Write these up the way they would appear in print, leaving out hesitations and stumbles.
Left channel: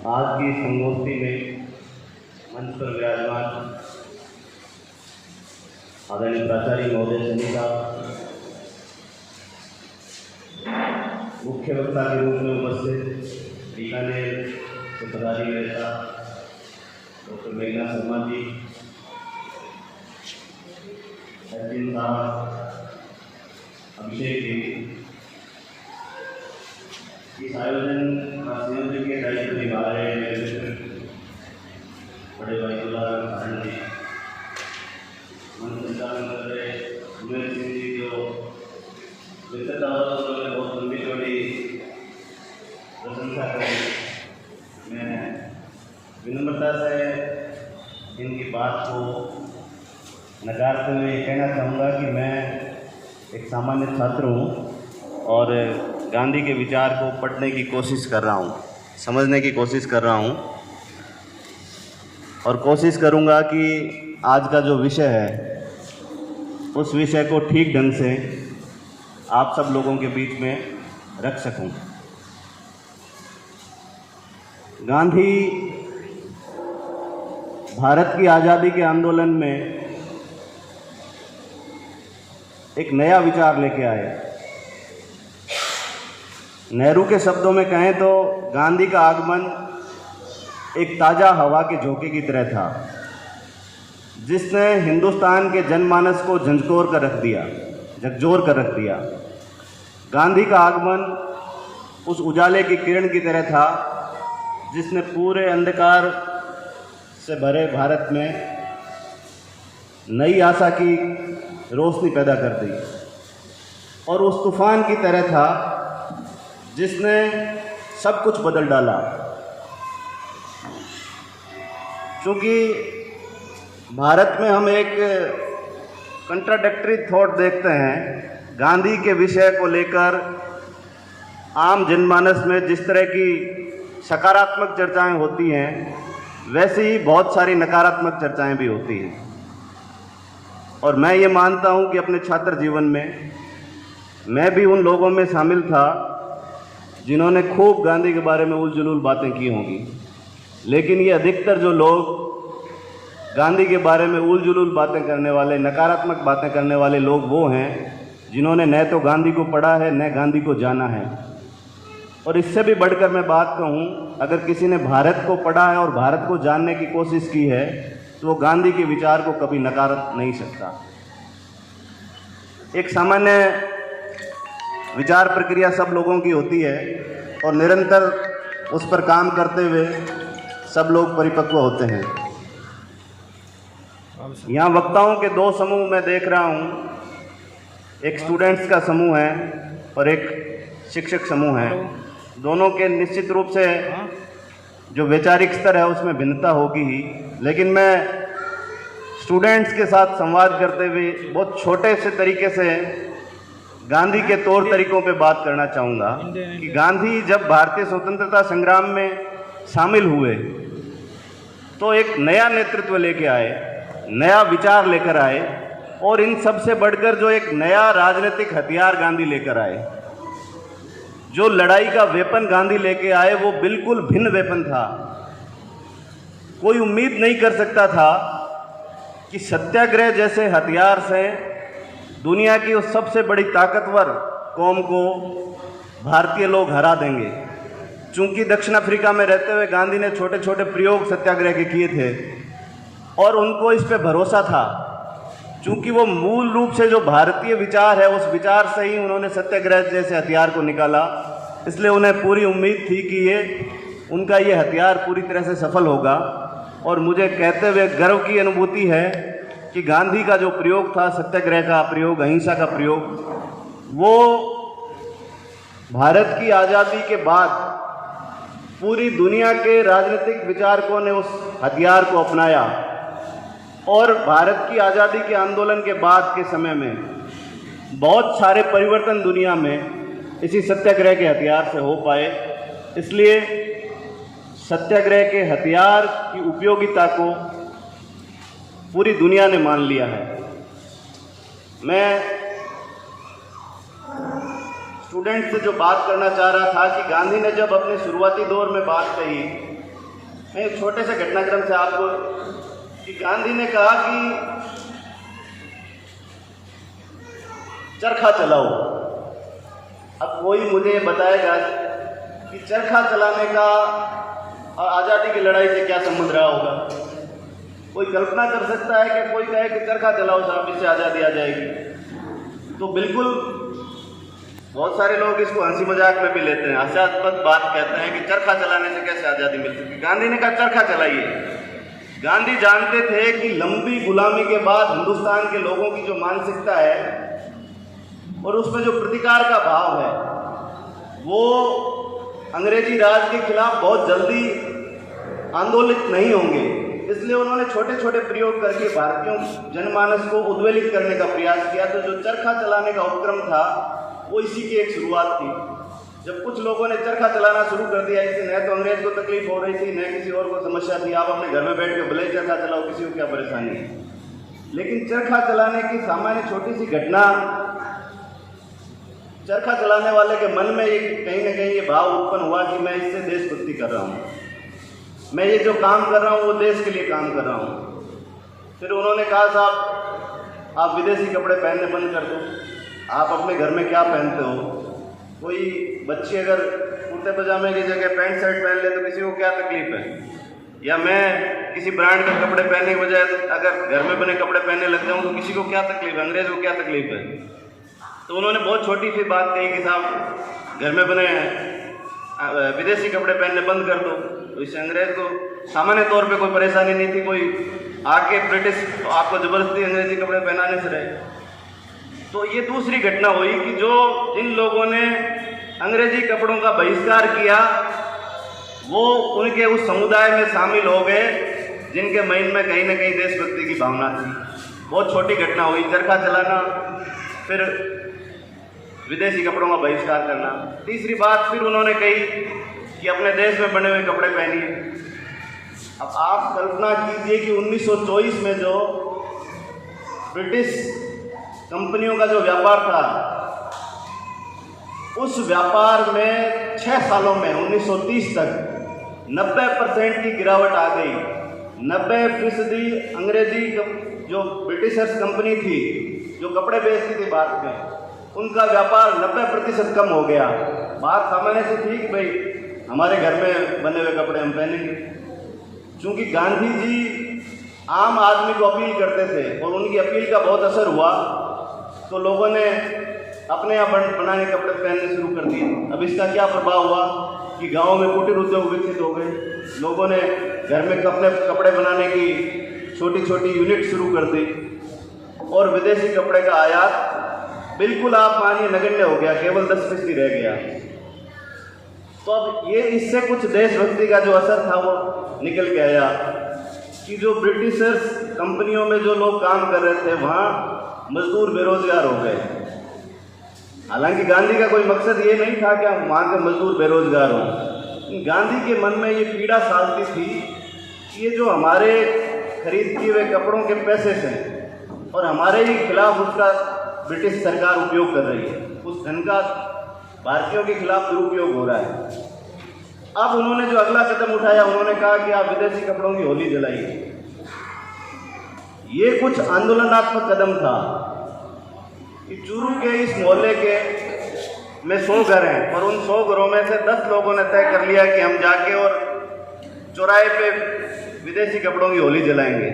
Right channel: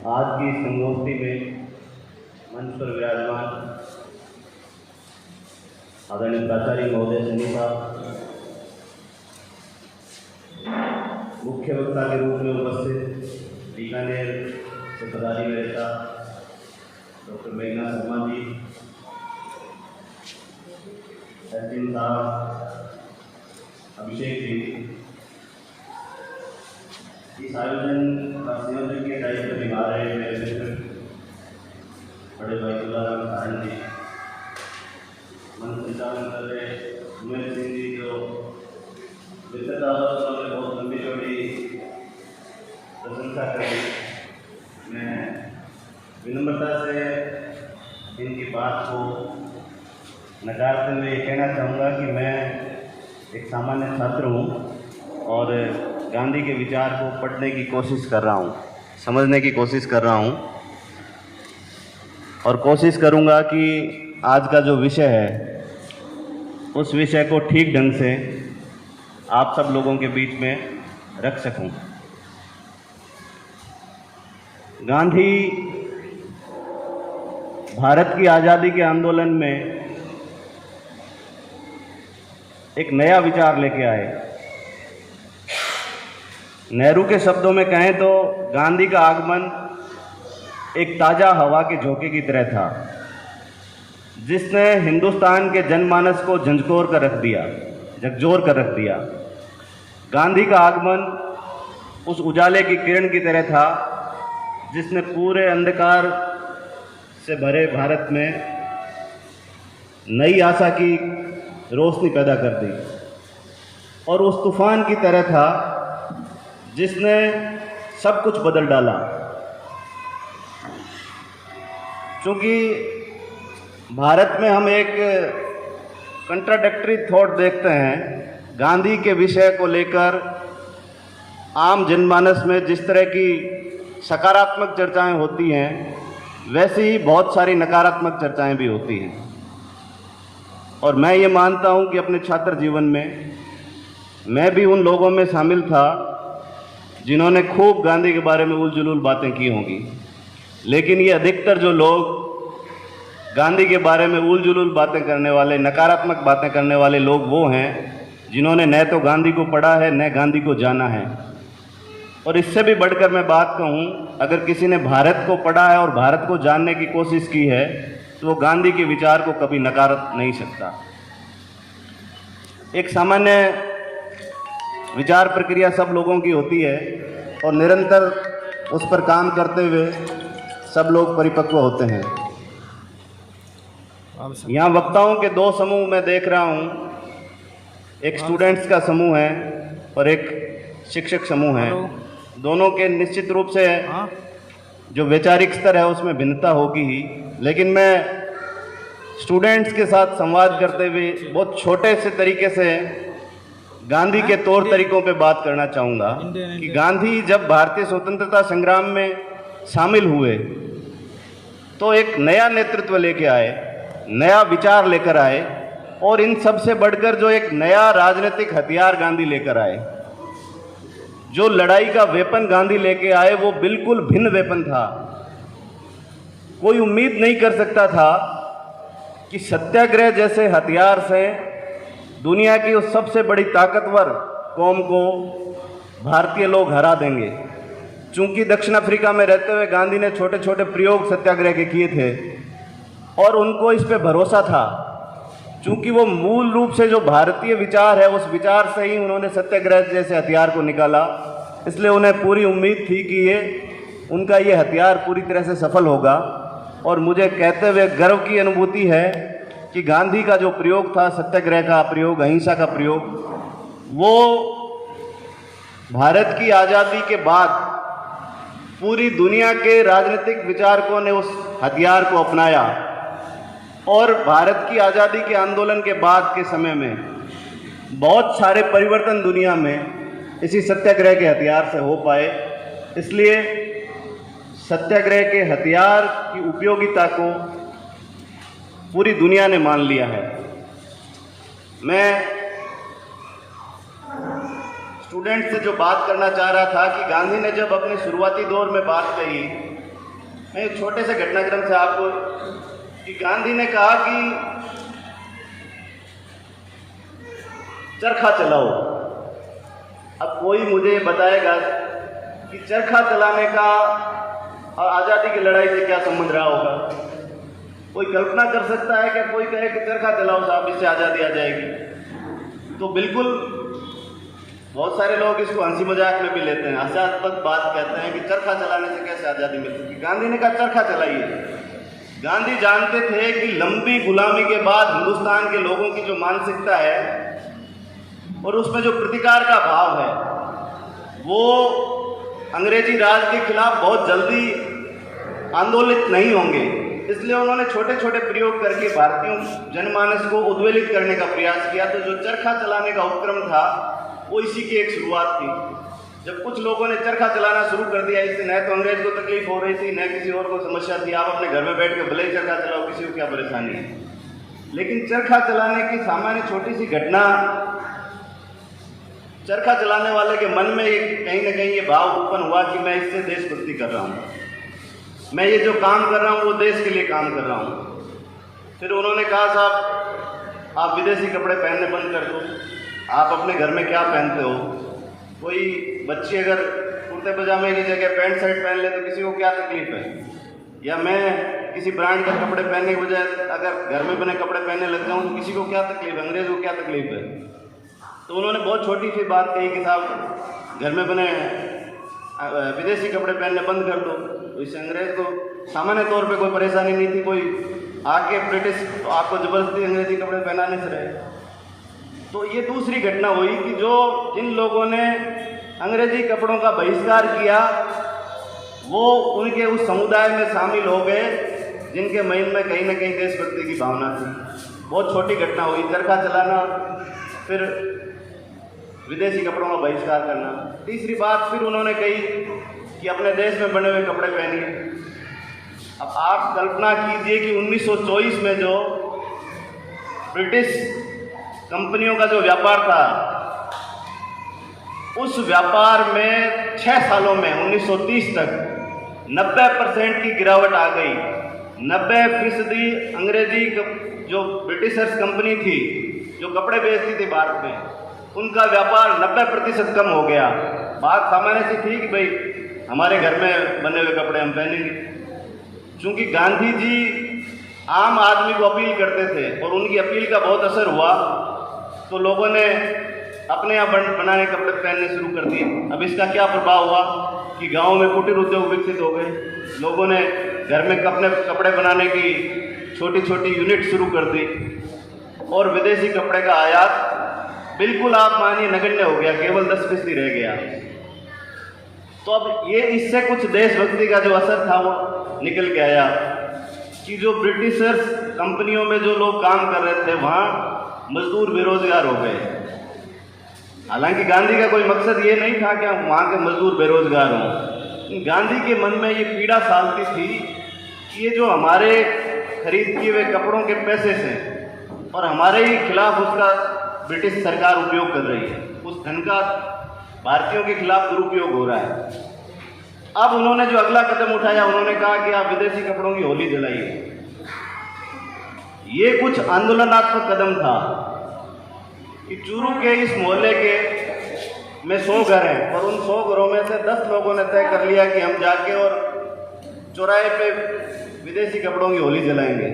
आज की संगोष्ठी में मंच पर विराजमान आदरणीय प्राचार्य महोदय सनी साहब, मुख्य वक्ता के रूप में उपस्थित बीकानेर से पदाधिकारी नेता डॉक्टर मेघना शर्मा जी, सचिन साहब, अभिषेक जी, इस आयोजन का संयोजन के दायित्व निभा रहे हैं बड़े भाई दुलाराम जी, मंच संचालन कर रहे उमेश सिंह जी, जो मित्रता उन्होंने बहुत लंबी चौड़ी प्रशंसा करी। मैं विनम्रता से इनकी बात को नकारते हुए ये कहना चाहूँगा कि मैं एक सामान्य छात्र हूँ और गांधी के विचार को पढ़ने की कोशिश कर रहा हूँ, समझने की कोशिश कर रहा हूँ और कोशिश करूँगा कि आज का जो विषय है उस विषय को ठीक ढंग से आप सब लोगों के बीच में रख सकूँ। गांधी भारत की आज़ादी के आंदोलन में एक नया विचार लेके आए। नेहरू के शब्दों में कहें तो गांधी का आगमन एक ताज़ा हवा के झोंके की तरह था, जिसने हिंदुस्तान के जनमानस को झंझोर कर रख दिया। गांधी का आगमन उस उजाले की किरण की तरह था जिसने पूरे अंधकार से भरे भारत में नई आशा की रोशनी पैदा कर दी और उस तूफान की तरह था जिसने सब कुछ बदल डाला। क्योंकि भारत में हम एक कंट्राडिक्टरी थॉट देखते हैं, गांधी के विषय को लेकर आम जनमानस में जिस तरह की सकारात्मक चर्चाएं होती हैं वैसे ही बहुत सारी नकारात्मक चर्चाएं भी होती हैं। और मैं ये मानता हूं कि अपने छात्र जीवन में मैं भी उन लोगों में शामिल था जिन्होंने खूब गांधी के बारे में उल जुलूल बातें की होंगी, लेकिन ये अधिकतर जो लोग गांधी के बारे में उल जुलूल बातें करने वाले, नकारात्मक बातें करने वाले लोग वो हैं जिन्होंने न तो गांधी को पढ़ा है न गांधी को जाना है। और इससे भी बढ़कर मैं बात कहूँ, अगर किसी ने भारत को पढ़ा है और भारत को जानने की कोशिश की है तो वो गांधी के विचार को कभी नकार नहीं सकता। एक सामान्य विचार प्रक्रिया सब लोगों की होती है और निरंतर उस पर काम करते हुए सब लोग परिपक्व होते हैं। यहाँ वक्ताओं के दो समूह मैं देख रहा हूँ, एक स्टूडेंट्स का समूह है और एक शिक्षक समूह है। दोनों के निश्चित रूप से जो वैचारिक स्तर है उसमें भिन्नता होगी ही, लेकिन मैं स्टूडेंट्स के साथ संवाद करते हुए बहुत छोटे से तरीके से गांधी के तौर तरीकों पे बात करना चाहूँगा कि गांधी जब भारतीय स्वतंत्रता संग्राम में शामिल हुए तो एक नया नेतृत्व लेके आए, नया विचार लेकर आए और इन सब से बढ़कर जो एक नया राजनीतिक हथियार गांधी लेकर आए, जो लड़ाई का वेपन गांधी लेके आए वो बिल्कुल भिन्न वेपन था। कोई उम्मीद नहीं कर सकता था कि सत्याग्रह जैसे हथियार से दुनिया की उस सबसे बड़ी ताकतवर कौम को भारतीय लोग हरा देंगे। चूंकि दक्षिण अफ्रीका में रहते हुए गांधी ने छोटे छोटे प्रयोग सत्याग्रह के किए थे और उनको इस पे भरोसा था, चूंकि वो मूल रूप से जो भारतीय विचार है उस विचार से ही उन्होंने सत्याग्रह जैसे हथियार को निकाला, इसलिए उन्हें पूरी उम्मीद थी कि उनका ये हथियार पूरी तरह से सफल होगा। और मुझे कहते हुए गर्व की अनुभूति है कि गांधी का जो प्रयोग था, सत्याग्रह का प्रयोग, अहिंसा का प्रयोग, वो भारत की आज़ादी के बाद पूरी दुनिया के राजनीतिक विचारकों ने उस हथियार को अपनाया और भारत की आज़ादी के आंदोलन के बाद के समय में बहुत सारे परिवर्तन दुनिया में इसी सत्याग्रह के हथियार से हो पाए। इसलिए सत्याग्रह के हथियार की उपयोगिता को पूरी दुनिया ने मान लिया है। मैं स्टूडेंट से जो बात करना चाह रहा था कि गांधी ने जब अपने शुरुआती दौर में बात कही मैं एक छोटे से घटनाक्रम से आपको कि गांधी ने कहा कि चरखा चलाओ। अब कोई मुझे बताएगा कि चरखा चलाने का और आज़ादी की लड़ाई से क्या संबंध रहा होगा? कोई कल्पना कर सकता है कि कोई कहे कि चरखा चलाओ साहब, इससे आज़ादी आ जाएगी? तो बिल्कुल, बहुत सारे लोग इसको हंसी मजाक में भी लेते हैं, हास्यास्पद बात कहते हैं कि चरखा चलाने से कैसे आज़ादी मिल सकती। गांधी ने कहा चरखा चलाइए। गांधी जानते थे कि लंबी गुलामी के बाद हिंदुस्तान के लोगों की जो मानसिकता है और उसमें जो प्रतिकार का भाव है, वो अंग्रेजी राज के खिलाफ बहुत जल्दी आंदोलित नहीं होंगे। इसलिए उन्होंने छोटे छोटे प्रयोग करके भारतीय जनमानस को उद्वेलित करने का प्रयास किया। तो जो चरखा चलाने का उपक्रम था वो इसी की एक शुरुआत थी। जब कुछ लोगों ने चरखा चलाना शुरू कर दिया, इससे न तो अंग्रेज को तकलीफ हो रही थी, न किसी और को समस्या थी। आप अपने घर में बैठ के भले चरखा चलाओ, किसी को क्या परेशानी है। लेकिन चरखा चलाने की सामान्य छोटी सी घटना, चरखा चलाने वाले के मन में ये कहीं ना कहीं ये भाव उत्पन्न हुआ कि मैं इससे देशभक्ति कर रहा हूँ, मैं ये जो काम कर रहा हूँ वो देश के लिए काम कर रहा हूँ। फिर उन्होंने कहा साहब आप विदेशी कपड़े पहनने बंद कर दो, आप अपने घर में क्या पहनते हो? कोई बच्ची अगर कुर्ते पजामे की जगह पैंट शर्ट पहन ले तो किसी को क्या तकलीफ है? या मैं किसी ब्रांड के कपड़े पहनने के बजाय अगर घर में बने कपड़े पहनने लग जाऊँ तो किसी को क्या तकलीफ है? अंग्रेज को क्या तकलीफ है? तो उन्होंने बहुत छोटी सी बात कही कि साहब घर में बने विदेशी कपड़े पहनने बंद कर दो। तो इससे अंग्रेज को सामान्य तौर पे कोई परेशानी नहीं थी, कोई आके ब्रिटिश आपको ज़बरदस्ती अंग्रेजी कपड़े पहनाने से रहे। तो ये दूसरी घटना हुई कि जो जिन लोगों ने अंग्रेजी कपड़ों का बहिष्कार किया वो उनके उस समुदाय में शामिल हो गए जिनके मन में कहीं ना कहीं देशभक्ति की भावना थी। बहुत छोटी घटना हुई, चरखा चलाना, फिर विदेशी कपड़ों का बहिष्कार करना। तीसरी बात फिर उन्होंने कही कि अपने देश में बने हुए कपड़े पहनिए। अब आप कल्पना कीजिए कि 1924 में जो ब्रिटिश कंपनियों का जो व्यापार था, उस व्यापार में 6 सालों में 1930 तक 90% की गिरावट आ गई। 90% अंग्रेजी जो ब्रिटिशर्स कंपनी थी जो कपड़े बेचती थी भारत में, उनका व्यापार 90% कम हो गया। बात सामान्य से थी कि भाई हमारे घर में बने हुए कपड़े हम पहनेंगे। चूँकि गांधी जी आम आदमी को अपील करते थे और उनकी अपील का बहुत असर हुआ, तो लोगों ने अपने यहाँ बनाए कपड़े पहनने शुरू कर दिए। अब इसका क्या प्रभाव हुआ कि गाँव में कुटीर उद्योग विकसित हो गए, लोगों ने घर में अपने कपड़े बनाने की छोटी छोटी यूनिट शुरू कर दी और विदेशी कपड़े का आयात बिल्कुल आप मानिए नगण्य हो गया, केवल 10% रह गया। तो अब ये इससे कुछ देशभक्ति का जो असर था वो निकल के आया कि जो ब्रिटिशर्स कंपनियों में जो लोग काम कर रहे थे वहाँ मजदूर बेरोजगार हो गए। हालांकि गांधी का कोई मकसद ये नहीं था कि वहाँ के मजदूर बेरोजगार हों। गांधी के मन में ये पीड़ा सालती थी कि ये जो हमारे खरीद किए हुए कपड़ों के पैसे हैं और हमारे ही खिलाफ उसका ब्रिटिश सरकार उपयोग कर रही है, उस धन का भारतीयों के खिलाफ दुरुपयोग हो रहा है। अब उन्होंने जो अगला कदम उठाया, उन्होंने कहा कि आप विदेशी कपड़ों की होली जलाइए। ये कुछ आंदोलनात्मक कदम था कि चूरू के इस मोहल्ले के में 100 घर हैं और उन 100 घरों में से 10 लोगों ने तय कर लिया कि हम जाके और चौराहे पे विदेशी कपड़ों की होली जलाएंगे।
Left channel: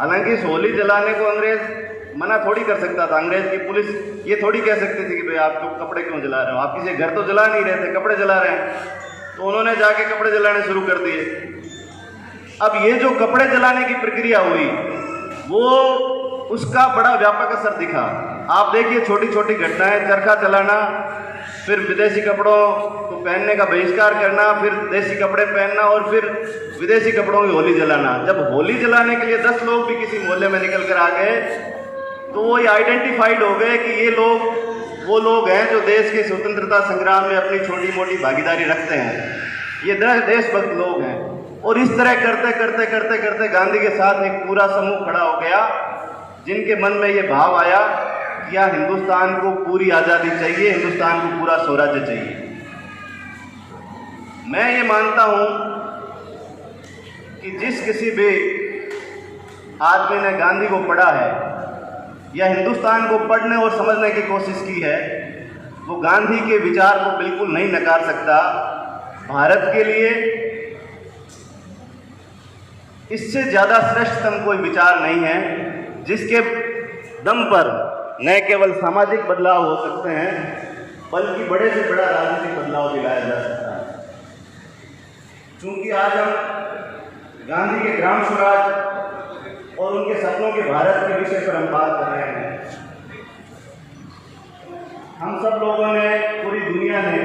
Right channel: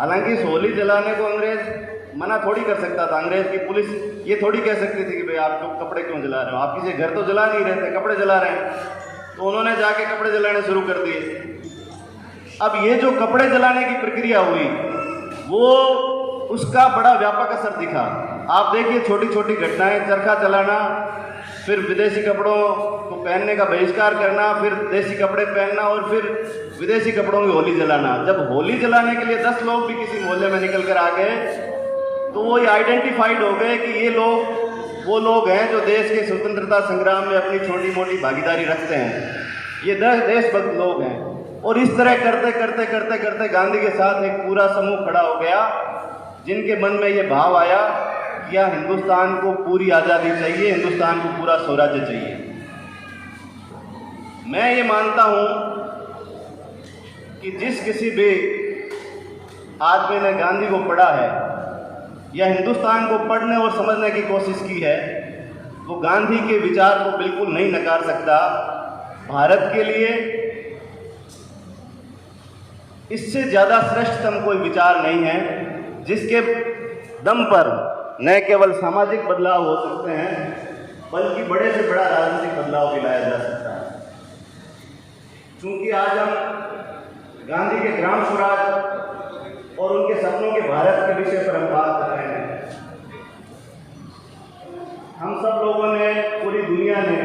हालांकि इस होली जलाने को अंग्रेज मना थोड़ी कर सकता था। अंग्रेज की पुलिस ये थोड़ी कह सकती थी कि भाई आप कपड़े क्यों जला रहे हो, आप किसी घर तो जला नहीं रहे थे, कपड़े जला रहे हैं। तो उन्होंने जाके कपड़े जलाने शुरू कर दिए। अब ये जो कपड़े जलाने की प्रक्रिया हुई वो उसका बड़ा व्यापक असर दिखा। आप देखिए छोटी छोटी घटनाएं, चरखा चलाना, फिर विदेशी कपड़ों को पहनने का बहिष्कार करना, फिर देसी कपड़े पहनना और फिर विदेशी कपड़ों की होली जलाना। जब होली जलाने के लिए 10 लोग भी किसी मोहल्ले में निकल कर आ गए तो वो ये आइडेंटिफाइड हो गए कि ये लोग वो लोग हैं जो देश के स्वतंत्रता संग्राम में अपनी छोटी मोटी भागीदारी रखते हैं, ये देशभक्त लोग हैं। और इस तरह करते करते करते करते गांधी के साथ एक पूरा समूह खड़ा हो गया जिनके मन में ये भाव आया कि यार हिंदुस्तान को पूरी आज़ादी चाहिए, हिंदुस्तान को पूरा स्वराज्य चाहिए। मैं ये मानता हूँ कि जिस किसी भी आदमी ने गांधी को पढ़ा है या हिंदुस्तान को पढ़ने और समझने की कोशिश की है, वो गांधी के विचार को बिल्कुल नहीं नकार सकता। भारत के लिए इससे ज़्यादा श्रेष्ठतम कोई विचार नहीं है जिसके दम पर न केवल सामाजिक बदलाव हो सकते हैं बल्कि बड़े से बड़ा राजनीतिक बदलाव भी लाया जा सकता है। क्योंकि आज हम गांधी के ग्राम स्वराज और उनके सपनों के भारत के विषय पर हम बात कर रहे हैं। हम सब लोगों ने, पूरी दुनिया ने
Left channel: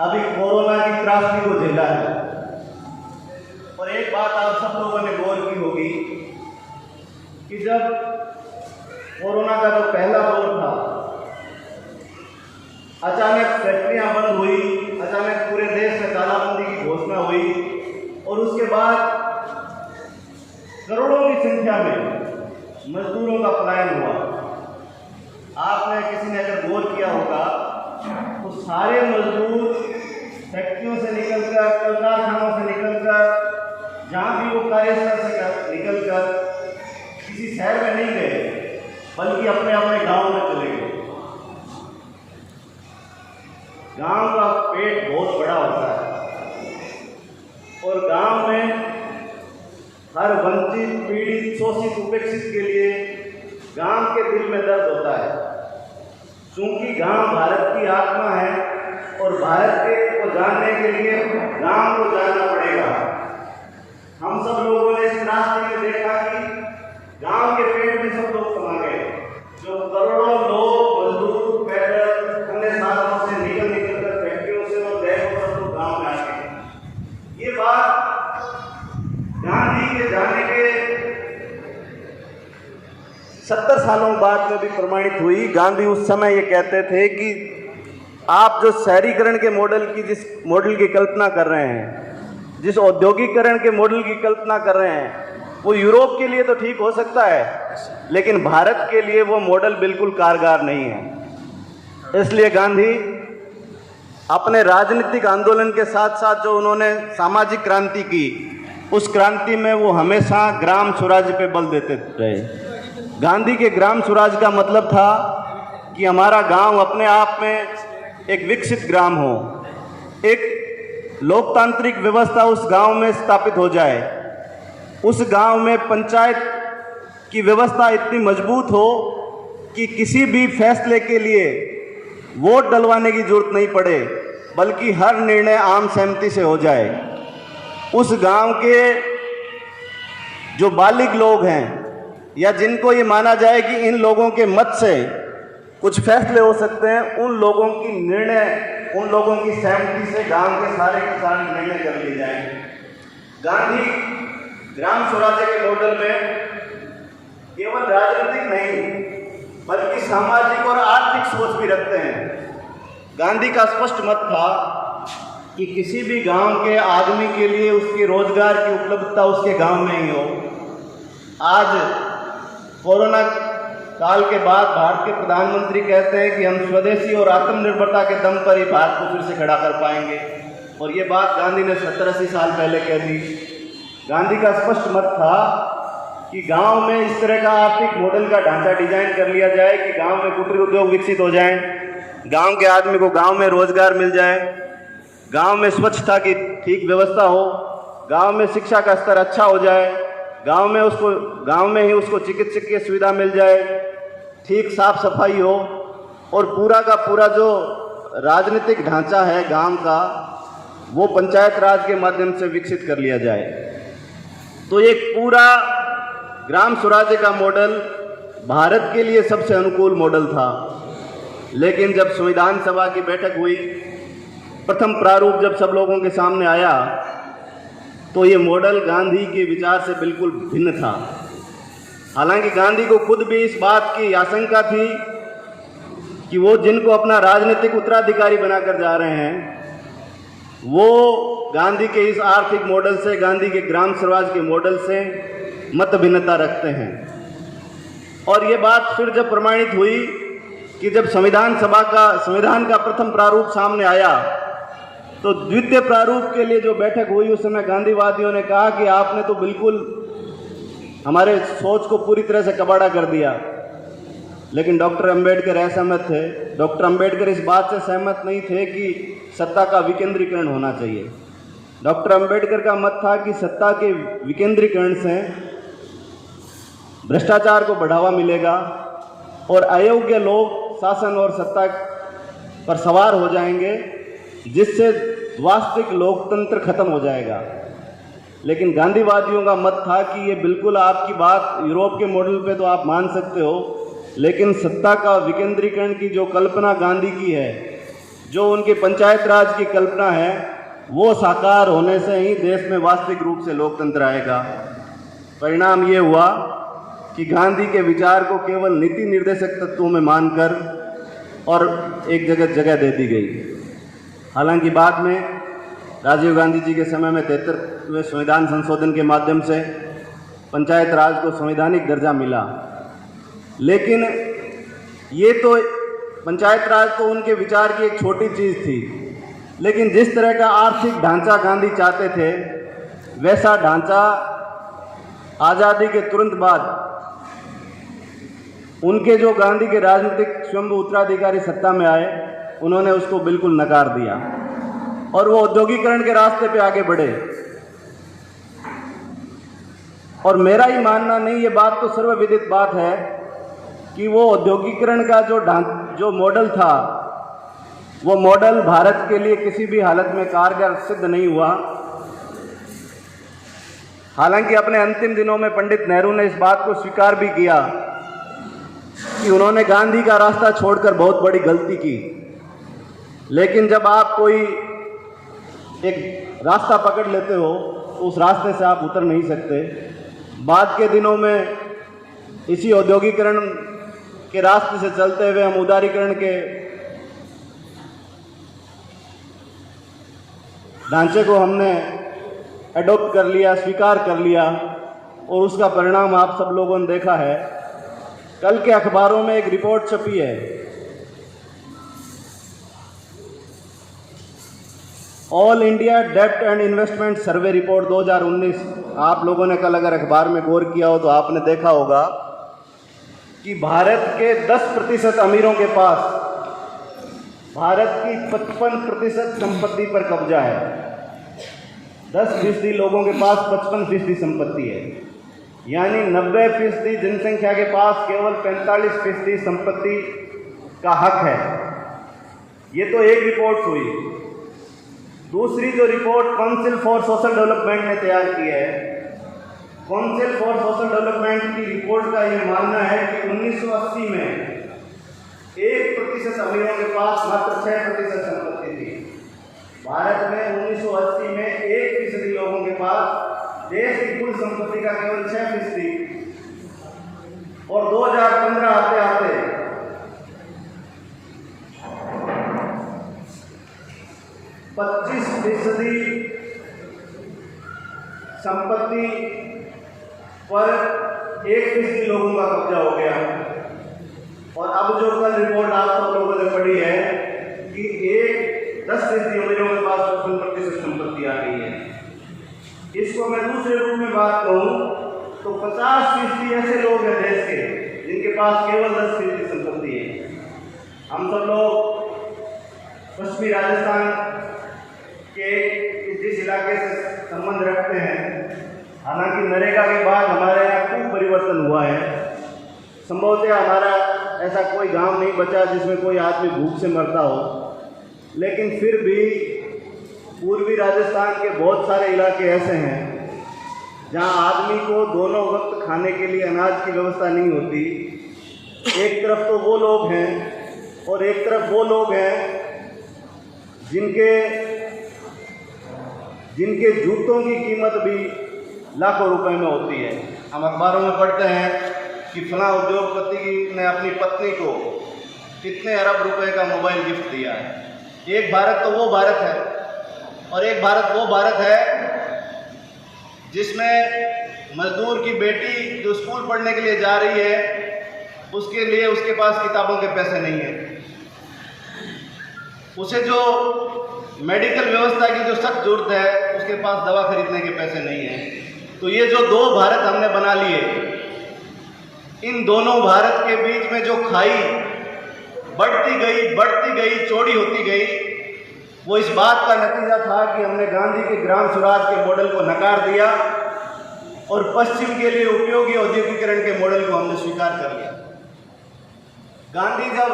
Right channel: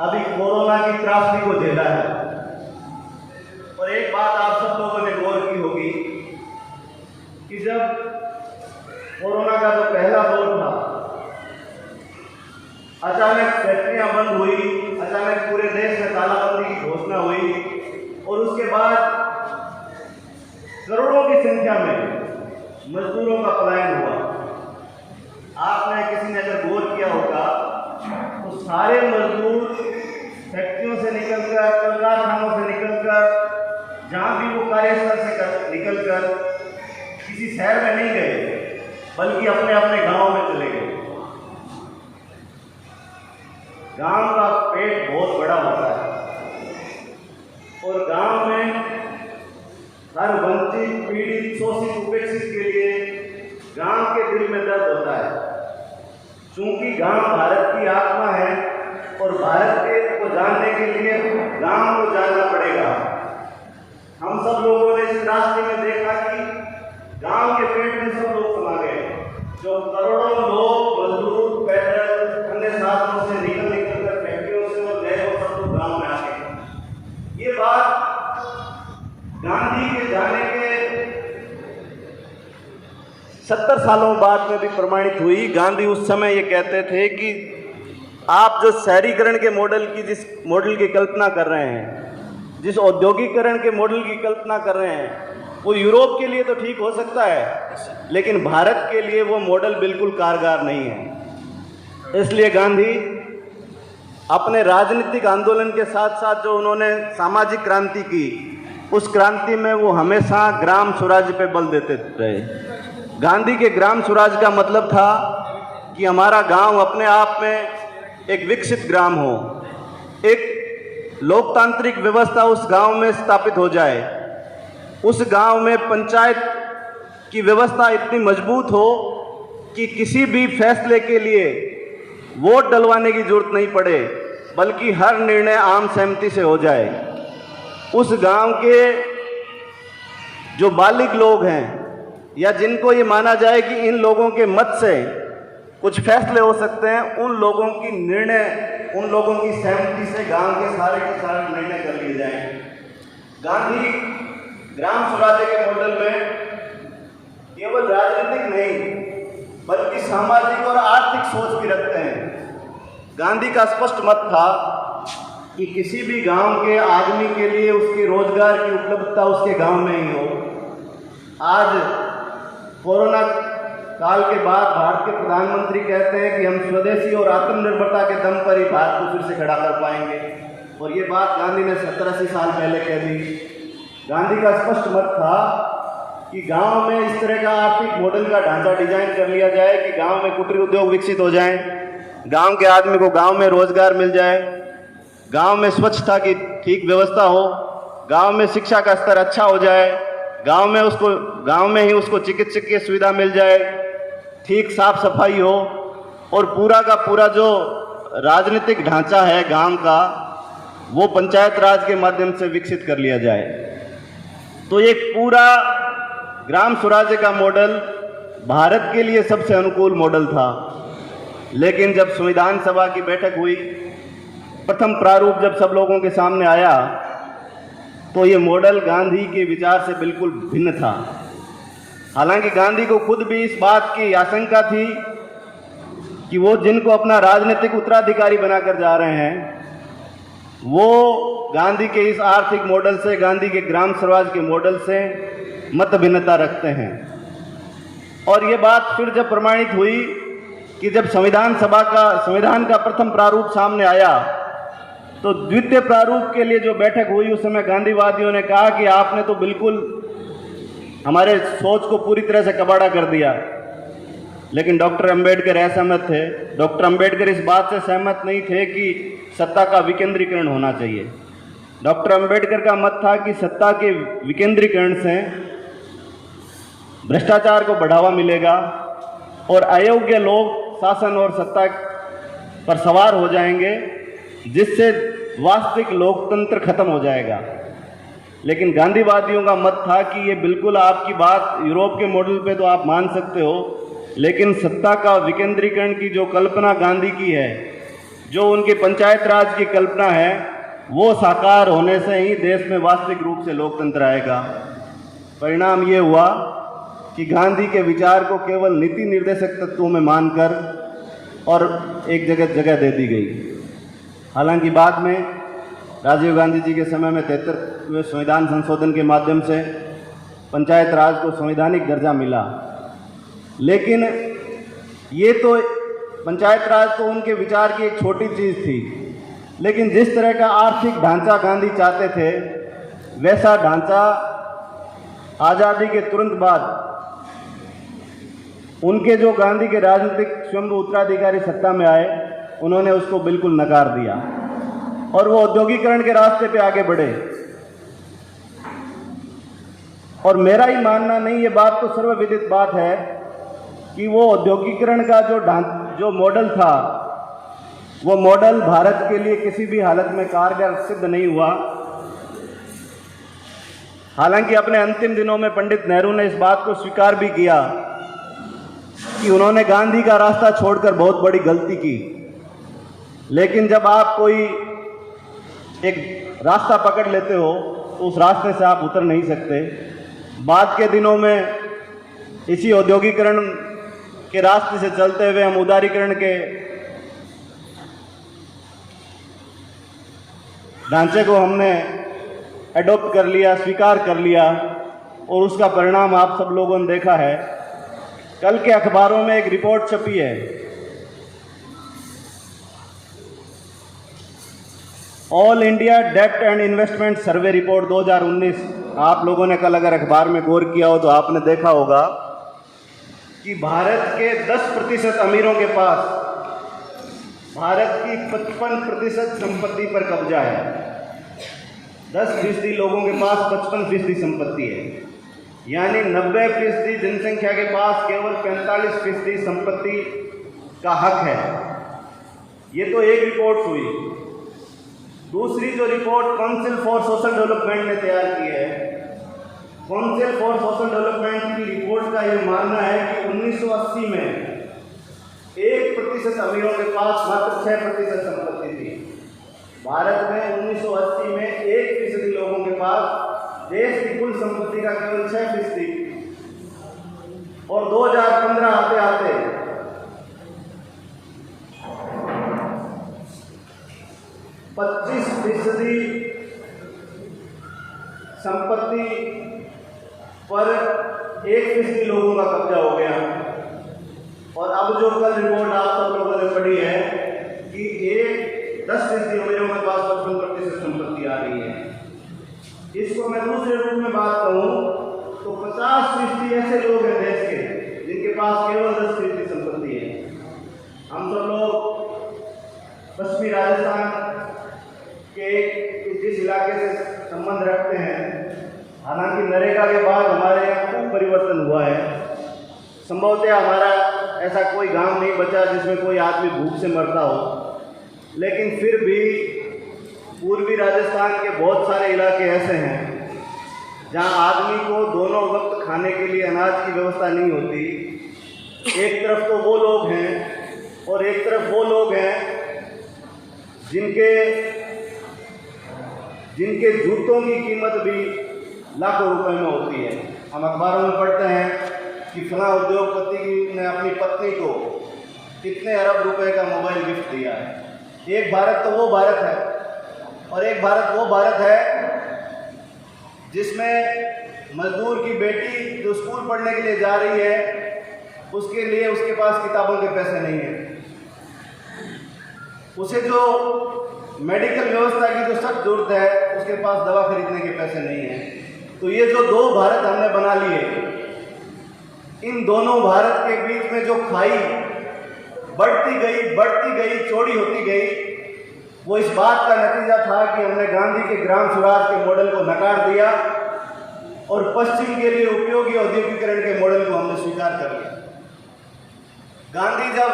अभी कोरोना की त्रासदी को झेला है और एक बात आप सब लोगों ने गौर की होगी कि जब कोरोना का जो पहला दौर था, अचानक फैक्ट्रियां बंद हुई, अचानक पूरे देश में तालाबंदी की घोषणा हुई और उसके बाद करोड़ों की संख्या में मजदूरों का पलायन हुआ। आपने, किसी ने अगर गौर किया होगा तो सारे मजदूर फैक्ट्रियों से निकलकर, कल कारखानों से निकलकर, जहाँ भी वो कार्यस्थल से निकलकर किसी शहर में नहीं गए बल्कि अपने अपने गांव में चले गए। गांव का पेट बहुत बड़ा होता है और गांव में हर वंचित, पीड़ित, शोषित, उपेक्षित के लिए गांव के दिल में दर्द होता है। क्योंकि गांव भारत की आत्मा है और भारत को जानने के लिए गांव को जानना पड़ेगा। हम सब लोगों ने इस रास्ते में देखा कि गांव के पेट में सब लोग समा गए। जो करोड़ों लोग मजदूर पैदल अन्य साधनों से निकल कर फैक्ट्रियों से और गए, सब लोग गांव में आ गए। ये बात गांधी के जाने के 70 सालों बाद में भी प्रमाणित हुई। गांधी उस समय ये कहते थे कि आप जो शहरीकरण के मॉडल की, जिस मॉडल की कल्पना कर रहे हैं, जिस औद्योगिकरण के मॉडल की कल्पना कर रहे हैं, वो यूरोप के लिए तो ठीक हो सकता है लेकिन भारत के लिए वो मॉडल बिल्कुल कारगर नहीं है। इसलिए गांधी अपने राजनीतिक आंदोलन के साथ साथ जो उन्होंने सामाजिक क्रांति की, उस क्रांति में वो हमेशा ग्राम स्वराज पे बल देते रहे। गांधी के ग्राम स्वराज का मतलब था कि हमारा गांव अपने आप में एक विकसित ग्राम हो, एक लोकतांत्रिक व्यवस्था उस गांव में स्थापित हो जाए, उस गांव में पंचायत की व्यवस्था इतनी मजबूत हो कि किसी भी फैसले के लिए वोट डलवाने की जरूरत नहीं पड़े बल्कि हर निर्णय आम सहमति से हो जाए। उस गांव के जो बालिग लोग हैं या जिनको ये माना जाए कि इन लोगों के मत से कुछ फैसले हो सकते हैं, उन लोगों की निर्णय, उन लोगों की सहमति से गांव के सारे निर्णय कर लिए जाए। गांधी ग्राम स्वराज के मॉडल में केवल राजनीतिक नहीं बल्कि सामाजिक और आर्थिक सोच भी रखते हैं। गांधी का स्पष्ट मत था कि किसी भी गांव के आदमी के लिए उसके रोजगार की उपलब्धता उसके गांव में ही हो। आज कोरोना काल के बाद भारत के प्रधानमंत्री कहते हैं कि हम स्वदेशी और आत्मनिर्भरता के दम पर ही भारत को फिर से खड़ा कर पाएंगे, और ये बात गांधी ने 70-80 साल पहले कह दी। गांधी का स्पष्ट मत था कि गांव में इस तरह का आर्थिक मॉडल का ढांचा डिजाइन कर लिया जाए कि गांव में कुटीर उद्योग विकसित हो जाएं, गांव के आदमी को गांव में रोजगार मिल जाए, गांव में स्वच्छता की ठीक व्यवस्था हो, गांव में शिक्षा का स्तर अच्छा हो जाए, गांव में ही उसको चिकित्सकीय सुविधा मिल जाए, ठीक साफ सफाई हो, और पूरा का पूरा जो राजनीतिक ढांचा है गांव का वो पंचायत राज के माध्यम से विकसित कर लिया जाए। तो एक पूरा ग्राम स्वराज्य का मॉडल भारत के लिए सबसे अनुकूल मॉडल था। लेकिन जब संविधान सभा की बैठक हुई, प्रथम प्रारूप जब सब लोगों के सामने आया, तो ये मॉडल गांधी के विचार से बिल्कुल भिन्न था। हालांकि गांधी को खुद भी इस बात की आशंका थी कि वो जिनको अपना राजनीतिक उत्तराधिकारी बनाकर जा रहे हैं, वो गांधी के इस आर्थिक मॉडल से, गांधी के ग्राम स्वराज के मॉडल से मत भिन्नता रखते हैं। और ये बात फिर जब प्रमाणित हुई कि जब संविधान का प्रथम प्रारूप सामने आया, तो द्वितीय प्रारूप के लिए जो बैठक हुई उस समय गांधीवादियों ने कहा कि आपने तो बिल्कुल हमारे सोच को पूरी तरह से कबाड़ा कर दिया, लेकिन डॉक्टर अंबेडकर असहमत थे। डॉक्टर अंबेडकर इस बात से सहमत नहीं थे कि सत्ता का विकेंद्रीकरण होना चाहिए। डॉक्टर अंबेडकर का मत था कि सत्ता के विकेंद्रीकरण से भ्रष्टाचार को बढ़ावा मिलेगा और अयोग्य लोग शासन और सत्ता पर सवार हो जाएंगे, जिससे वास्तविक लोकतंत्र खत्म हो जाएगा। लेकिन गांधीवादियों का मत था कि ये बिल्कुल आपकी बात यूरोप के मॉडल पे तो आप मान सकते हो, लेकिन सत्ता का विकेंद्रीकरण की जो कल्पना गांधी की है, जो उनकी पंचायत राज की कल्पना है, वो साकार होने से ही देश में वास्तविक रूप से लोकतंत्र आएगा। परिणाम ये हुआ कि गांधी के विचार को केवल नीति निर्देशक तत्वों में मानकर और एक जगह दे दी गई। हालांकि बाद में राजीव गांधी जी के समय में 73वें संविधान संशोधन के माध्यम से पंचायत राज को संवैधानिक दर्जा मिला, लेकिन ये तो पंचायत राज तो उनके विचार की एक छोटी चीज़ थी, लेकिन जिस तरह का आर्थिक ढांचा गांधी चाहते थे, वैसा ढांचा आज़ादी के तुरंत बाद उनके जो गांधी के राजनीतिक स्वयं उत्तराधिकारी सत्ता में आए, उन्होंने उसको बिल्कुल नकार दिया और वो औद्योगिकरण के रास्ते पे आगे बढ़े। और मेरा ही मानना नहीं, ये बात तो सर्वविदित बात है कि वो औद्योगिकरण का जो मॉडल था, वो मॉडल भारत के लिए किसी भी हालत में कारगर सिद्ध नहीं हुआ। हालांकि अपने अंतिम दिनों में पंडित नेहरू ने इस बात को स्वीकार भी किया कि उन्होंने गांधी का रास्ता छोड़कर बहुत बड़ी गलती की, लेकिन जब आप कोई एक रास्ता पकड़ लेते हो तो उस रास्ते से आप उतर नहीं सकते। बाद के दिनों में इसी औद्योगिकरण के रास्ते से चलते हुए हम उदारीकरण के ढांचे को हमने एडॉप्ट कर लिया, स्वीकार कर लिया, और उसका परिणाम आप सब लोगों ने देखा है। कल के अखबारों में एक रिपोर्ट छपी है, ऑल इंडिया डेब्ट एंड इन्वेस्टमेंट सर्वे रिपोर्ट 2019। आप लोगों ने कल अगर अखबार में गौर किया हो तो आपने देखा होगा कि भारत के 10% अमीरों के पास भारत की 55% संपत्ति पर कब्जा है। 10% लोगों के पास 55% संपत्ति है, यानी 90% जनसंख्या के पास केवल 45% संपत्ति का हक है। ये तो एक रिपोर्ट हुई। दूसरी जो report council for social development ने तैयार की है, काउंसिल फॉर सोशल डेवलपमेंट की रिपोर्ट का ये मानना है कि 1980 में 1% अमीरों के पास मात्र 6% संपत्ति थी। भारत में 1980 में 1% लोगों के पास देश की कुल संपत्ति का केवल 6%, और 2015 आते आते 25% संपत्ति पर 1% लोगों का कब्जा हो गया। और अब जो कल रिपोर्ट आप सब लोगों ने पढ़ी है कि 10% अमीरों के पास 55% संपत्ति आ गई है। इसको मैं दूसरे रूप में बात कहूँ तो 50% ऐसे लोग हैं देश के जिनके पास केवल 10% संपत्ति है। हम सब लोग पश्चिमी राजस्थान के जिस इलाके से संबंध रखते हैं, हालांकि नरेगा के बाद हमारे यहाँ खूब परिवर्तन हुआ है। संभवतः हमारा ऐसा कोई गांव नहीं बचा जिसमें कोई आदमी भूख से मरता हो, लेकिन फिर भी पूर्वी राजस्थान के बहुत सारे इलाके ऐसे हैं जहां आदमी को दोनों वक्त खाने के लिए अनाज की व्यवस्था नहीं होती। एक तरफ तो वो लोग हैं और एक तरफ वो लोग हैं जिनके जूतों की कीमत भी लाखों रुपए में होती है। हम अखबारों में पढ़ते हैं कि फलां उद्योगपति ने अपनी पत्नी को कितने अरब रुपए का मोबाइल गिफ्ट दिया है। एक भारत तो वो भारत है, और एक भारत वो भारत है जिसमें मजदूर की बेटी जो स्कूल पढ़ने के लिए जा रही है, उसके लिए उसके पास किताबों के पैसे नहीं हैं। उसे जो मेडिकल व्यवस्था की जो सख्त जरूरत है, उसके पास दवा खरीदने के पैसे नहीं हैं। तो ये जो दो भारत हमने बना लिए, इन दोनों भारत के बीच में जो खाई बढ़ती गई, चौड़ी होती गई, वो इस बात का नतीजा था कि हमने गांधी के ग्राम स्वराज के मॉडल को नकार दिया और पश्चिम के लिए उपयोगी औद्योगिकरण के मॉडल को हमने स्वीकार कर लिया। गांधी जब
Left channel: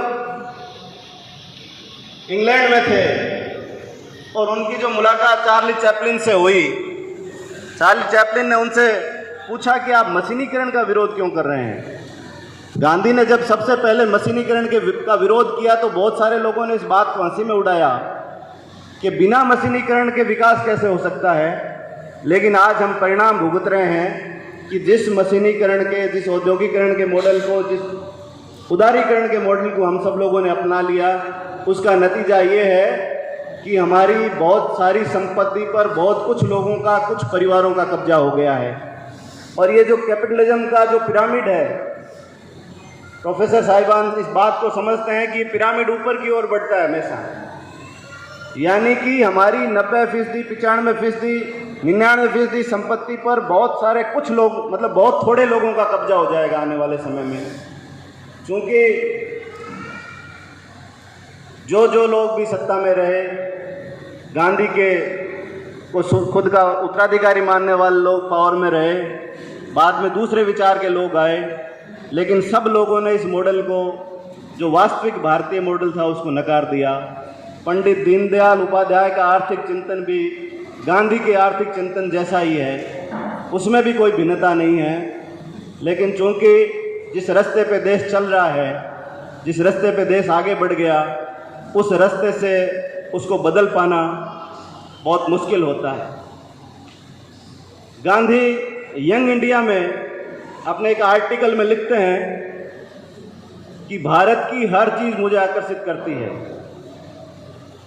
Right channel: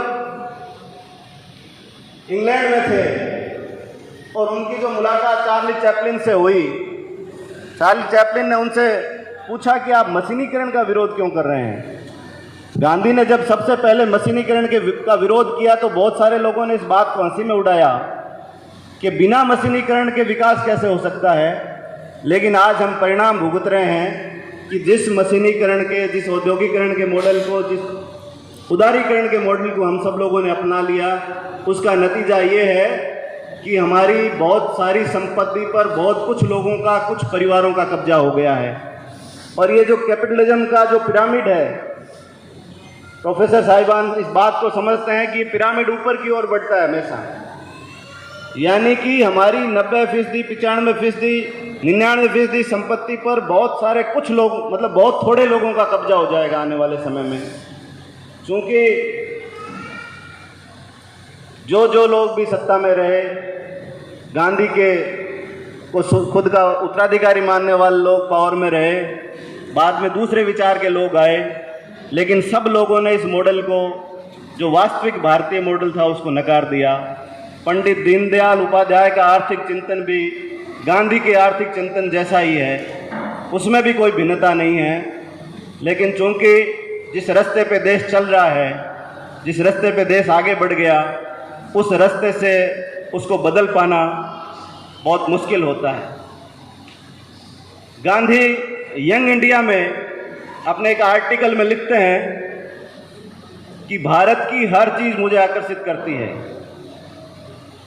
इंग्लैंड में थे और उनकी जो मुलाकात चार्ली चैपलिन से हुई, चार्ली चैपलिन ने उनसे पूछा कि आप मशीनीकरण का विरोध क्यों कर रहे हैं। गांधी ने जब सबसे पहले मशीनीकरण का विरोध किया तो बहुत सारे लोगों ने इस बात को हंसी में उड़ाया कि बिना मशीनीकरण के विकास कैसे हो सकता है। लेकिन आज हम परिणाम भुगत रहे हैं कि जिस मशीनीकरण के, जिस औद्योगिकरण के मॉडल को, जिस उदारीकरण के मॉडल को हम सब लोगों ने अपना लिया, उसका नतीजा ये है कि हमारी बहुत सारी संपत्ति पर बहुत कुछ लोगों का, कुछ परिवारों का कब्जा हो गया है। और ये जो कैपिटलिज्म का जो पिरामिड है, प्रोफेसर साहिबान इस बात को समझते हैं कि पिरामिड ऊपर की ओर बढ़ता है हमेशा, यानी कि हमारी 90%, 95%, 99% संपत्ति पर बहुत सारे कुछ लोग, मतलब बहुत थोड़े लोगों का कब्जा हो जाएगा आने वाले समय में। क्योंकि जो लोग भी सत्ता में रहे, गांधी के को खुद का उत्तराधिकारी मानने वाले लोग पावर में रहे, बाद में दूसरे विचार के लोग आए, लेकिन सब लोगों ने इस मॉडल को, जो वास्तविक भारतीय मॉडल था, उसको नकार दिया। पंडित दीनदयाल उपाध्याय का आर्थिक चिंतन भी गांधी के आर्थिक चिंतन जैसा ही है, उसमें भी कोई भिन्नता नहीं है। लेकिन चूंकि जिस रास्ते पे देश चल रहा है, जिस रास्ते पे देश आगे बढ़ गया, उस रास्ते से उसको बदल पाना बहुत मुश्किल होता है। गांधी यंग इंडिया में अपने एक आर्टिकल में लिखते हैं कि भारत की हर चीज़ मुझे आकर्षित करती है।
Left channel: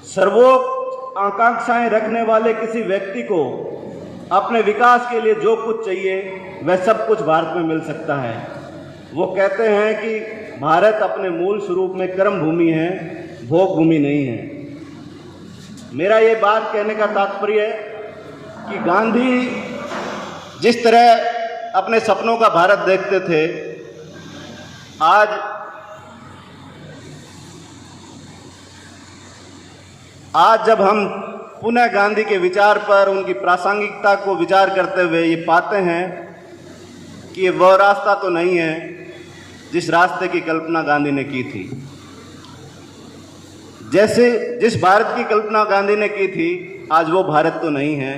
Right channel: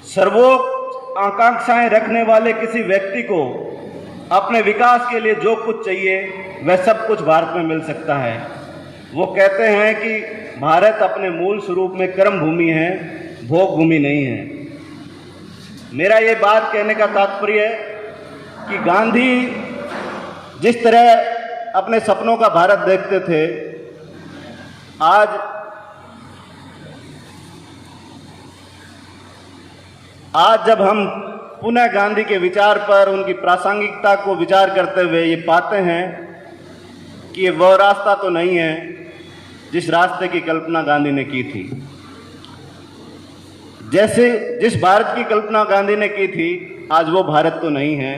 सर्वोच्च आकांक्षाएं रखने वाले किसी व्यक्ति को अपने विकास के लिए जो कुछ चाहिए वह सब कुछ भारत में मिल सकता है। वो कहते हैं कि भारत अपने मूल स्वरूप में कर्म भूमि है, भोग भूमि नहीं है। मेरा ये बात कहने का तात्पर्य है कि गांधी जिस तरह अपने सपनों का भारत देखते थे, आज जब हम पुनः गांधी के विचार पर, उनकी प्रासंगिकता को विचार करते हुए ये पाते हैं कि ये वह रास्ता तो नहीं है जिस रास्ते की कल्पना गांधी ने की थी। जैसे जिस भारत की कल्पना गांधी ने की थी, आज वो भारत तो नहीं है।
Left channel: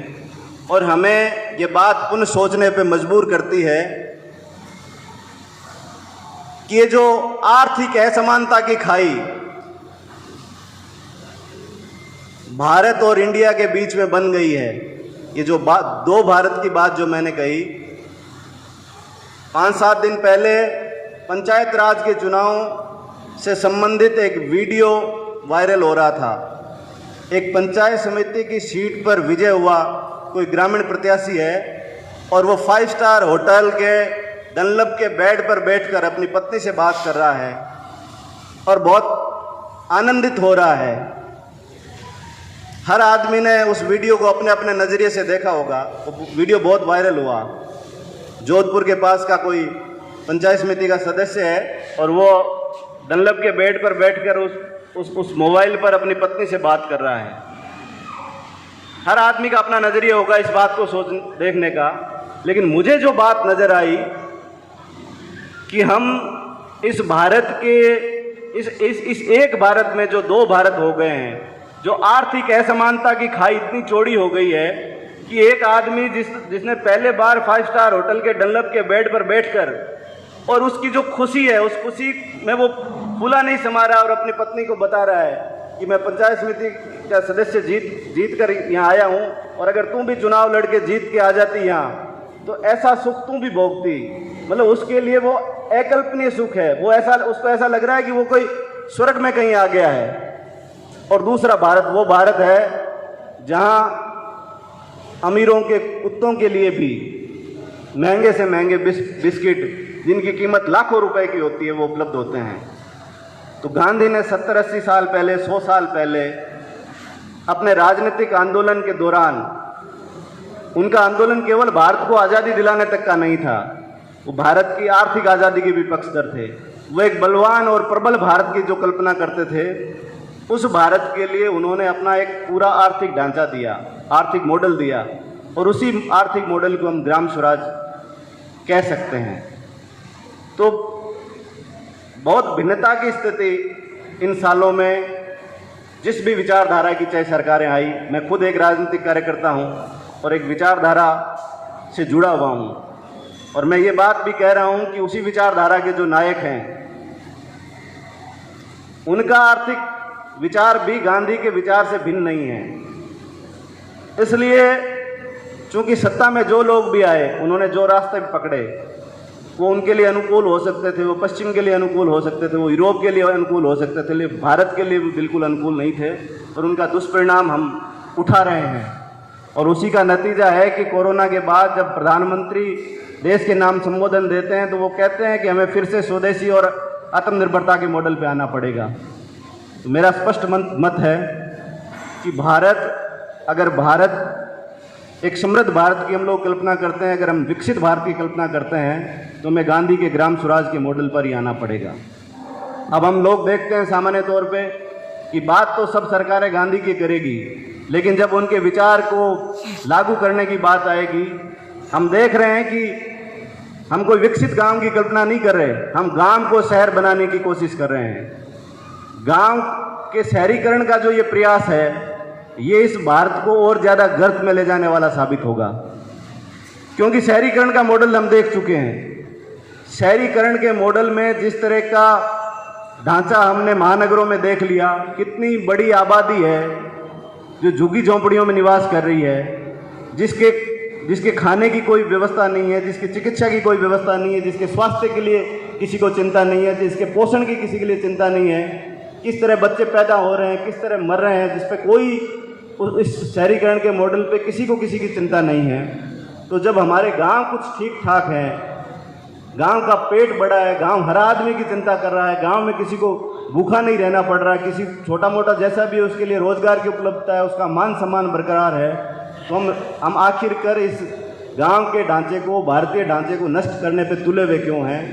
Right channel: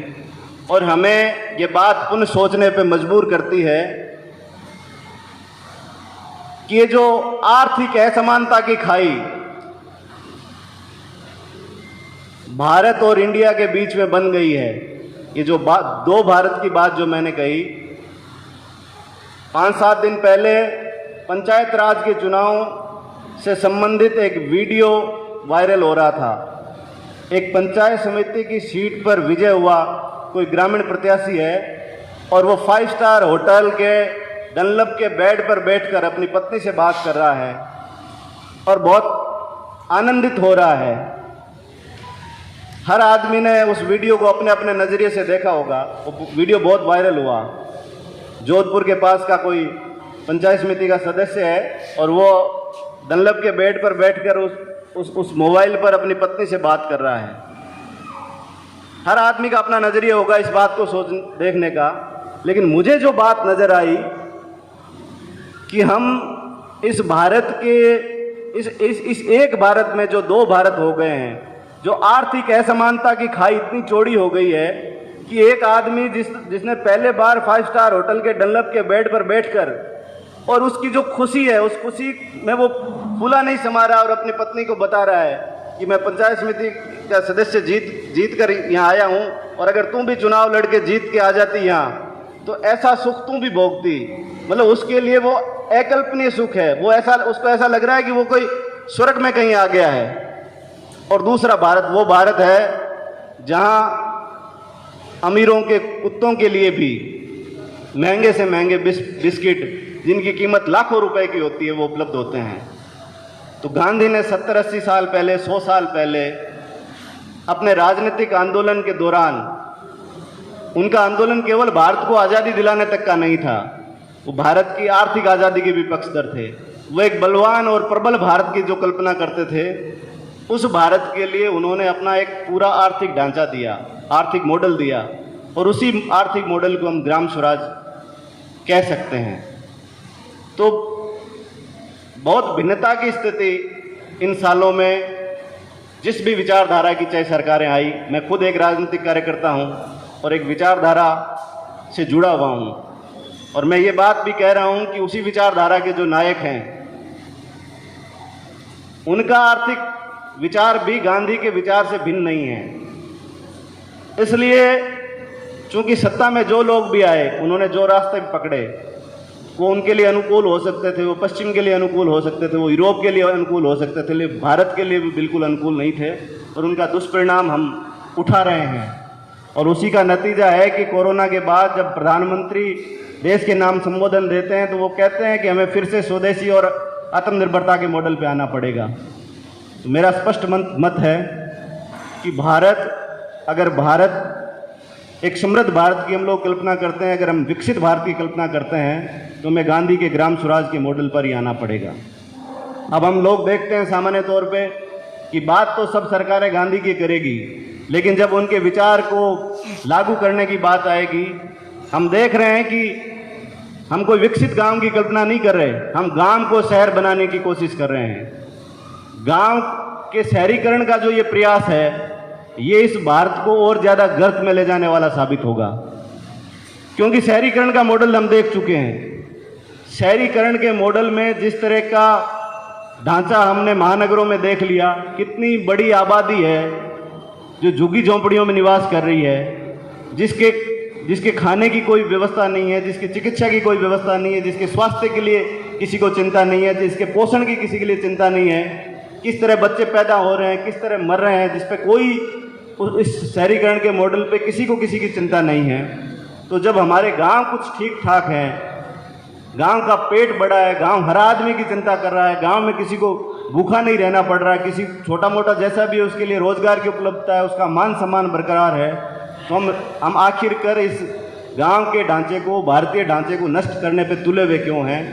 और हमें ये बात पुनः सोचने पे मजबूर करती है कि ये जो आर्थिक असमानता की खाई भारत और इंडिया के बीच में बन गई है, ये जो दो भारत की बात जो मैंने कही, 5-7 दिन पहले पंचायत राज के चुनाव से संबंधित एक वीडियो वायरल हो रहा था। एक पंचायत समिति की सीट पर विजय हुआ कोई ग्रामीण प्रत्याशी है और वो 5 स्टार होटल के डनलप के बेड पर बैठकर अपनी पत्नी से बात कर रहा है और बहुत आनंदित हो रहा है। हर आदमी ने उस वीडियो को अपने अपने नज़रिए से देखा होगा। वो वीडियो बहुत वायरल हुआ। जोधपुर के पास का कोई पंचायत समिति का सदस्य है और वो डनलप के बेड पर बैठकर उस मोबाइल पर अपनी पत्नी से बात कर रहा है। हर आदमी का अपना नज़रिया होगा इस बात को देखने का। लेकिन मुझे जो बात नज़र आई कि हम इस भारत के इस एक भारत में जो दो भारत हो गए हैं, जो आर्थिक असमानता की खाई इतनी चौड़ी हो गई है कि एक आदमी जिसने पहले बार 5 स्टार होटल के डनलप के बेड पर बैठकर, और उसकी जो खुशी है, उस खुशी में वो फूला नहीं समा रहा और अपनी पत्नी को बता रहा है कि मैं पंचायत समिति का सदस्य जीत कर यहाँ आया हूँ, और अगर तुम भी चुनाव लड़के जीत के आ जाती यहाँ तो ऐसा सुख तुम भी भोगती। मतलब उसके लिए वो अकल्पनीय सुख है। वो उसको ऐसा लग रहा है कि वो कोई स्वर्ग में कहीं आ गया है। और दूसरा भारत वो भारत है जहाँ अमीरों के कुत्तों के लिए भी महंगे से महंगे बिस्किट जिनकी कीमत लाखों रुपए की होती है वो उपलब्ध होते हैं। तो गांधी ने 70-80 साल पहले, 100 साल पहले अपने राजनीतिक आंदोलन के दौरान उनका आंदोलन केवल भारत को आज़ादी दिलाने तक का नहीं था, वो भारत की आर्थिक आज़ादी के भी पक्षधर थे। वो एक बलवान और प्रबल भारत की जो कल्पना करते थे, उस भारत के लिए उन्होंने अपना एक पूरा आर्थिक ढांचा दिया, आर्थिक मॉडल दिया, और उसी आर्थिक मॉडल को हम ग्राम स्वराज कह सकते हैं। तो बहुत भिन्नता की स्थिति इन सालों में जिस भी विचारधारा की चाहे सरकारें आई, मैं खुद एक राजनीतिक कार्यकर्ता हूं और एक विचारधारा से जुड़ा हुआ हूं, और मैं ये बात भी कह रहा हूं कि उसी विचारधारा के जो नायक हैं उनका आर्थिक विचार भी गांधी के विचार से भिन्न नहीं है। इसलिए चूंकि सत्ता में जो लोग भी आए, उन्होंने जो रास्ते पकड़े वो उनके लिए अनुकूल हो सकते थे, वो पश्चिम के लिए अनुकूल हो सकते थे, वो यूरोप के लिए अनुकूल हो सकते थे, लेकिन भारत के लिए भी बिल्कुल अनुकूल नहीं थे, और उनका दुष्परिणाम हम उठा रहे हैं। और उसी का नतीजा है कि कोरोना के बाद जब प्रधानमंत्री देश के नाम संबोधन देते हैं तो वो कहते हैं कि हमें फिर से स्वदेशी और आत्मनिर्भरता के मॉडल पे आना पड़ेगा। तो मेरा स्पष्ट मत है कि अगर भारत एक समृद्ध भारत की हम लोग कल्पना करते हैं, अगर हम विकसित भारत की कल्पना करते हैं, तो हमें गांधी के ग्राम स्वराज के मॉडल पर ही आना पड़ेगा। अब हम लोग देखते हैं सामान्य तौर पे कि बात तो सब सरकारें गांधी की करेगी, लेकिन जब उनके विचार को लागू करने की बात आएगी, हम देख रहे हैं कि हम कोई विकसित गांव की कल्पना नहीं कर रहे, हम गांव को शहर बनाने की कोशिश कर रहे हैं। गांव के शहरीकरण का जो ये प्रयास है, ये इस भारत को और ज़्यादा गर्त में ले जाने वाला साबित होगा, क्योंकि शहरीकरण का मॉडल हम देख चुके हैं। शहरीकरण के मॉडल में जिस तरह का ढांचा हमने महानगरों में देख लिया, कितनी बड़ी आबादी है जो झुग्गी झोंपड़ियों में निवास कर रही है, जिसके खाने की कोई व्यवस्था नहीं है, जिसकी चिकित्सा की कोई व्यवस्था नहीं है, जिसके स्वास्थ्य के लिए किसी को चिंता नहीं है, जिसके पोषण की किसी के लिए चिंता नहीं है, किस तरह बच्चे पैदा हो रहे हैं, किस तरह मर रहे हैं, जिस पे कोई इस शहरीकरण के मॉडल पे किसी को किसी की चिंता नहीं है। तो जब हमारे गांव कुछ ठीक ठाक है, गांव का पेट बड़ा है, गांव हर आदमी की चिंता कर रहा है, गांव में किसी को भूखा नहीं रहना पड़ रहा है, किसी छोटा मोटा जैसा भी है उसके लिए रोजगार की उपलब्धता है, उसका मान सम्मान बरकरार है, तो हम आखिरकार इस गांव के ढांचे को, भारतीय ढांचे को नष्ट करने पे तुले हुए क्यों हैं?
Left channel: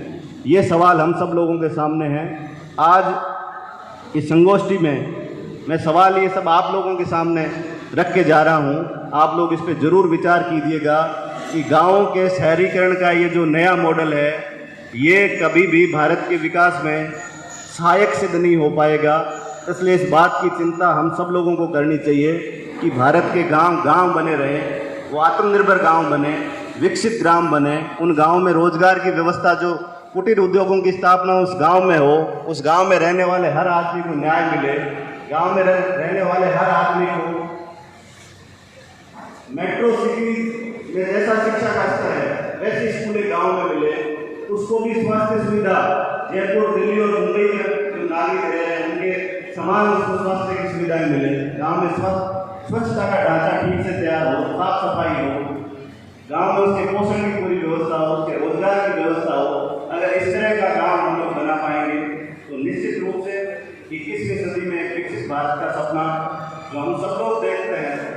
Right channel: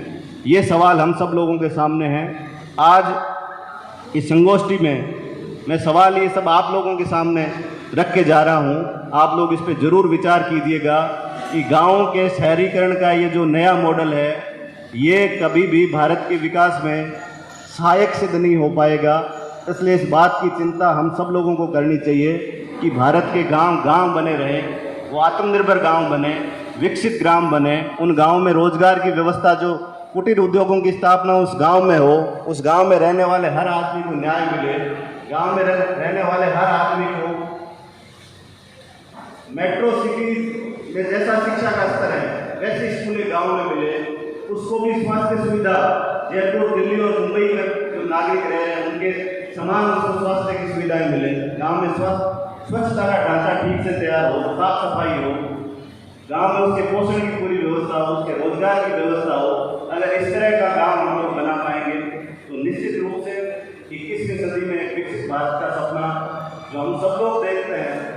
ये सवाल हम सब लोगों के सामने है। आज इस संगोष्ठी में मैं सवाल ये सब आप लोगों के सामने रख के जा रहा हूँ। आप लोग इस पे ज़रूर विचार कीजिएगा कि गाँव के शहरीकरण का ये जो नया मॉडल है, ये कभी भी भारत के विकास में सहायक सिद्ध नहीं हो पाएगा। इसलिए इस बात की चिंता हम सब लोगों को करनी चाहिए कि भारत के गांव बने रहें, वो आत्मनिर्भर गांव बने, विकसित ग्राम बने, उन गांव में रोजगार की व्यवस्था, जो कुटीर उद्योगों की स्थापना उस गांव में हो, उस गांव में रहने वाले हर आदमी को न्याय मिले, गांव में रहने वाले हर आदमी को मेट्रो सिटी में जैसा शिक्षा का स्तर है वैसे स्कूलें गांव में मिले, उसको भी स्वास्थ्य सुविधा जयपुर, दिल्ली और मुंबई में जो नागरिक रह रहे हैं उनके समान उसको स्वास्थ्य की सुविधाएं मिले, गाँव में स्वच्छता का ढांचा ठीक से तैयार हो, साफ सफाई हो, गाँव में उसके पोषण की पूरी व्यवस्था हो, उसके रोजगार की व्यवस्था हो। अगर इस तरह का गाँव हम लोग बना पाएंगे तो निश्चित रूप से 21वीं सदी में विकसित भारत का सपना जो हम सब लोग देखते हैं,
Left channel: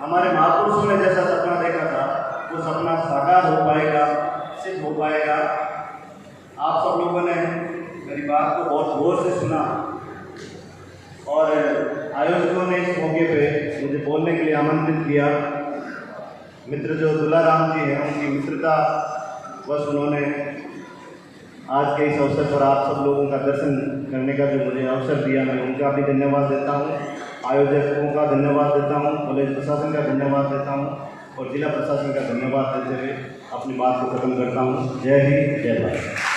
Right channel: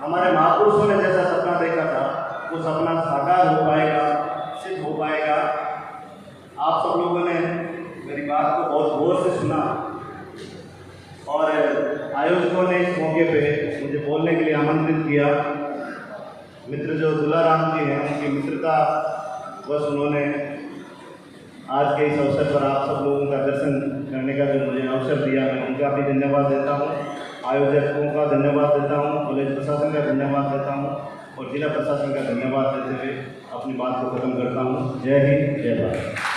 हमारे महापुरुषों ने जैसा सपना देखा था, वो सपना साकार हो पाएगा, सिद्ध हो पाएगा। आप सब लोगों ने मेरी बात को बहुत गौर से सुना और आयोजकों ने इस मौके पे मुझे बोलने के लिए आमंत्रित किया। मित्र जो दुलाराम जी हैं, उनकी मित्रता बस उन्होंने आज के इस अवसर पर आप सब लोगों का दर्शन करने का जो मुझे अवसर दिया, मैं उनका भी धन्यवाद देता हूँ, आयोजकों का धन्यवाद देता हूँ, कॉलेज प्रशासन का धन्यवाद देता हूँ और जिला प्रशासन का धन्यवाद देते हुए अपनी बात को खत्म करता हूँ। जय हिंद, जय भारत।